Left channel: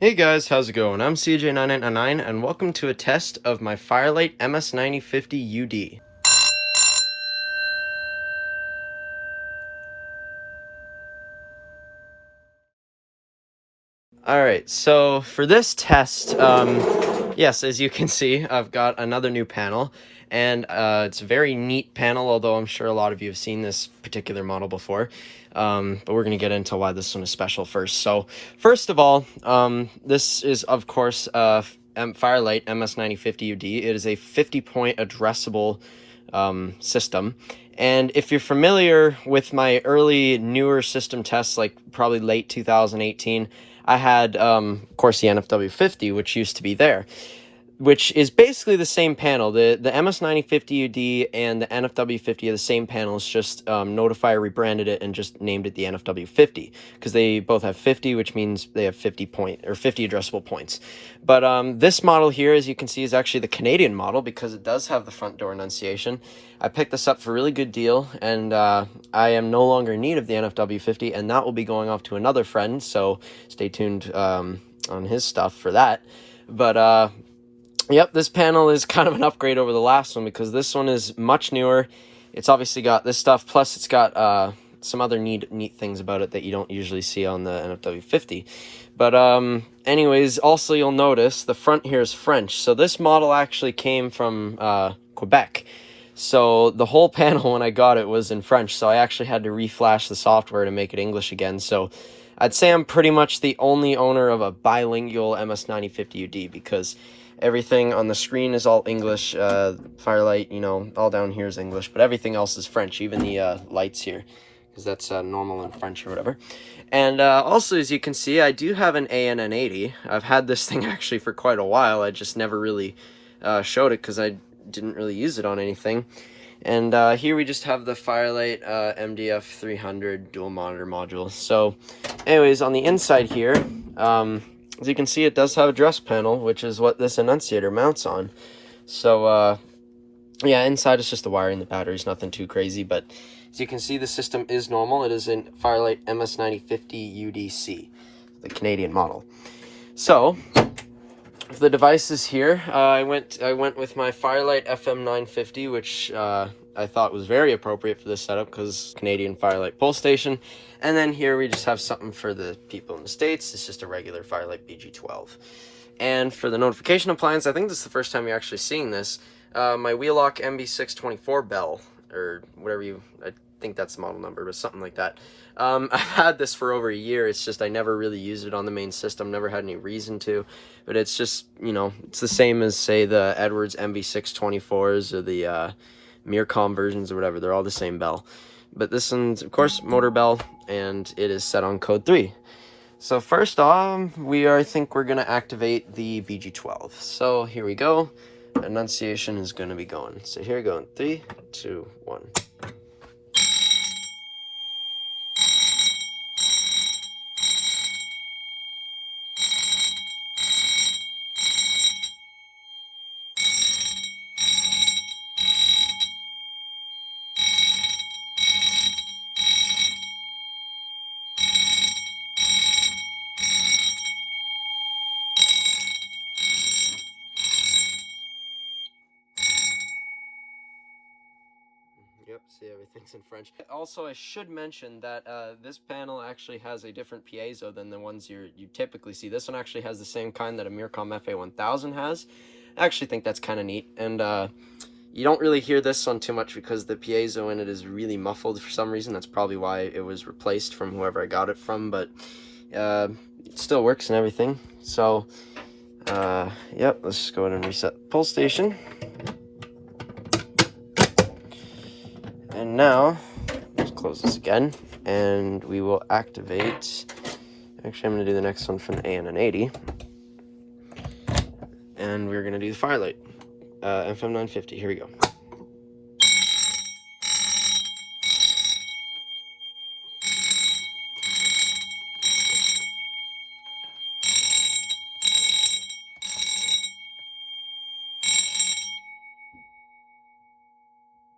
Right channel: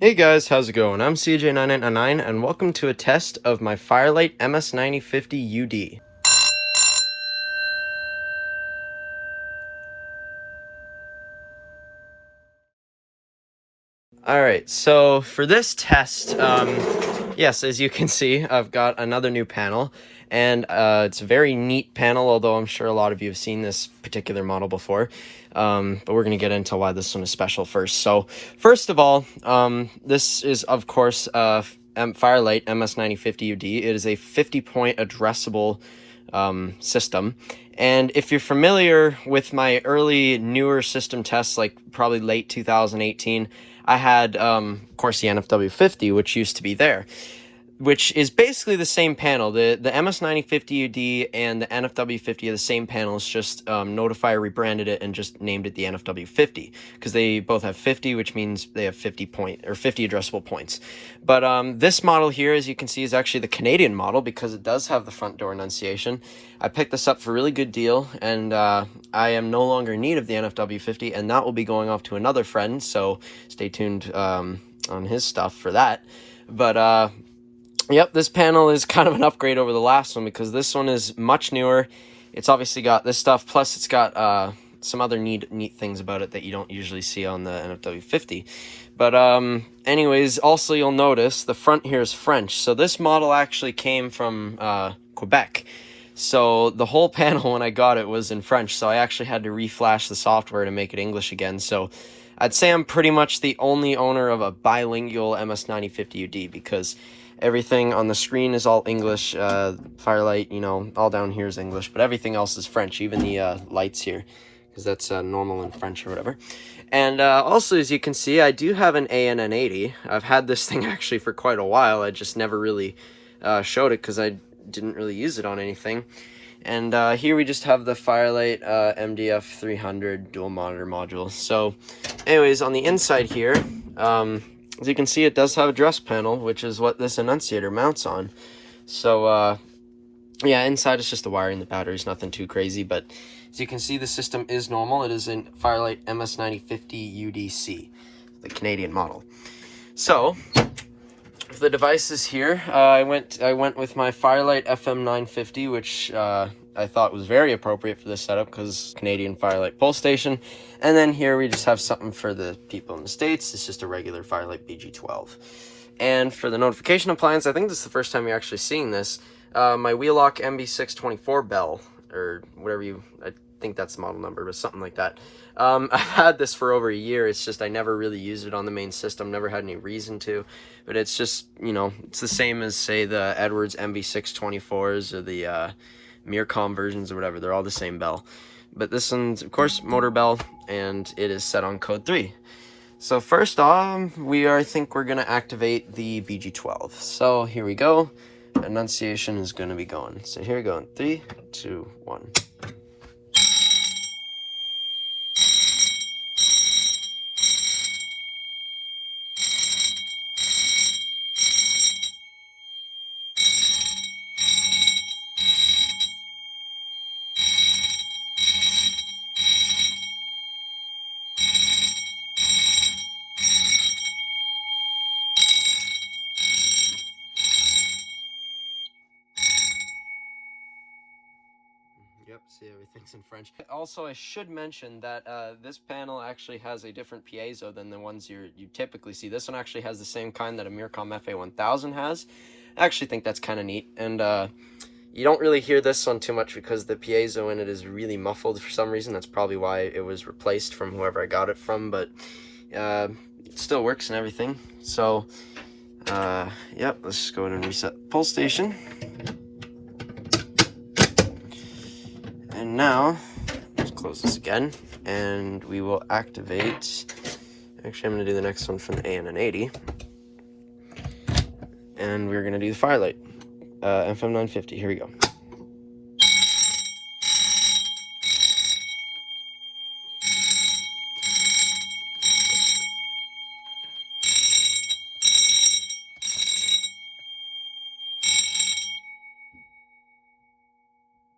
Hey guys, how's it going? I'm CJ9999 and welcome to a test of my Firelight MS-9050UD. Alright, so for this test, yes, as you can see, I've got another new panel, and it's a very neat panel, although I'm sure a lot of you have seen this particular model before. But we're going to get into why this one is special first. So, first of all, this is, of course, Firelight MS-9050UD. It is a 50-point addressable system. And if you're familiar with my early, newer system tests, like probably late 2018, I had, of course, the NFW50, which used to be there, which is basically the same panel. The MS-9050UD and the NFW50 are the same panels, just Notifier rebranded it and just named it the NFW50, because they both have 50, which means they have 50 addressable points. But this model here, as you can see, is actually the Canadian model, because it does have the front door enunciation. I picked this up for a really good deal, and I am no longer in need of the NFW50, and that will be going off to another friend, so stay tuned on his stuff for that. But yep, this panel is kind of an upgrade over the last one, because this one is much newer. It's obviously got this stuff, plus it's got some other neat things about it that you don't usually see on the NFW50. But anyways, also you'll notice the front here is French. So this model actually came from Quebec. So the whole panel when I got it was in French, so I actually had to reflash the software to make it English again. So I'd say I'm pretty much the only owner of a bilingual MS-9050UD, because everything on the screen is all English. Firelight, you know, all down here is English, but everything else is French, even the lights here, because that's normal in French or whatever. And also, as you can see, I do have an ANN80. I've had this thing actually for quite a while. I just never really showed it because I didn't really use it on anything. And here we just have the Firelight MDF 300 dual monitor module. So anyways, on the inside here, as you can see, it does have a address panel, which is what this enunciator mounts on. So yeah, inside is just the wiring, the batteries, nothing too crazy. But as you can see, the system is normal. It is in Firelight MS-9050UDC, the Canadian model. So for the devices here, I went with my Firelight FM950, which I thought was very appropriate for this setup, because Canadian Firelight pull station. And then here we just have something for the people in the States. It's just a regular Firelight BG12. And for the notification appliance, I think this is the first time you're actually seeing this, my Wheelock MB624 bell, or whatever I think that's the model number, but something like that. I've had this for over a year. It's just I never really used it on the main system, never had any reason to. But it's just, you know, it's the same as, say, the Edwards MB624s or the Mircom versions or whatever. They're all the same bell. But this one's, of course, motor bell, and it is set on code 3. So first off, I think we're going to activate the BG12. So here we go. Enunciation is going to be going. So here we go in 3, 2, 1. Yep, see, everything's in French. Also, I should mention that this panel actually has a different piezo than the ones you typically see. This one actually has the same kind that a Mircom FA1000 has. I actually think that's kind of neat, and you don't really hear this one too much because the piezo in it is really muffled for some reason. That's probably why it was replaced from whoever I got it from, but it still works and everything. So, yep, let's just go ahead and reset pull station. And now, let's close this again, and we will activate, actually I'm going to do the next one from the ANN80, and we're going to do the Firelight, FM950, here we go.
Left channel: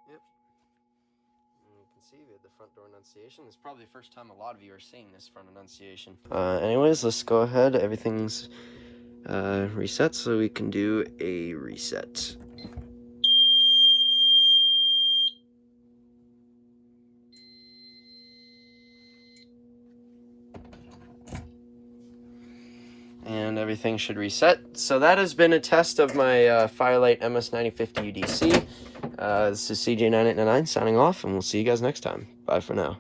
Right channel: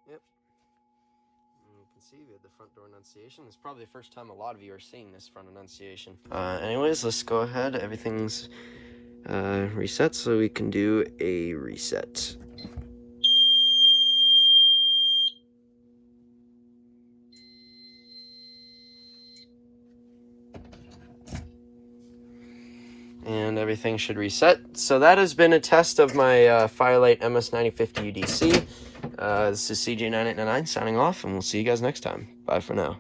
Yep, and you can see activated the front door annunciation. It's probably the first time a lot of you are seeing this front annunciation. Anyways, let's go ahead. Everything's reset, so we can do a reset. And everything should reset. So that has been a test of my Firelight MS-9050UDC. This is CJ9899 signing off, and we'll see you guys next time. Bye for now.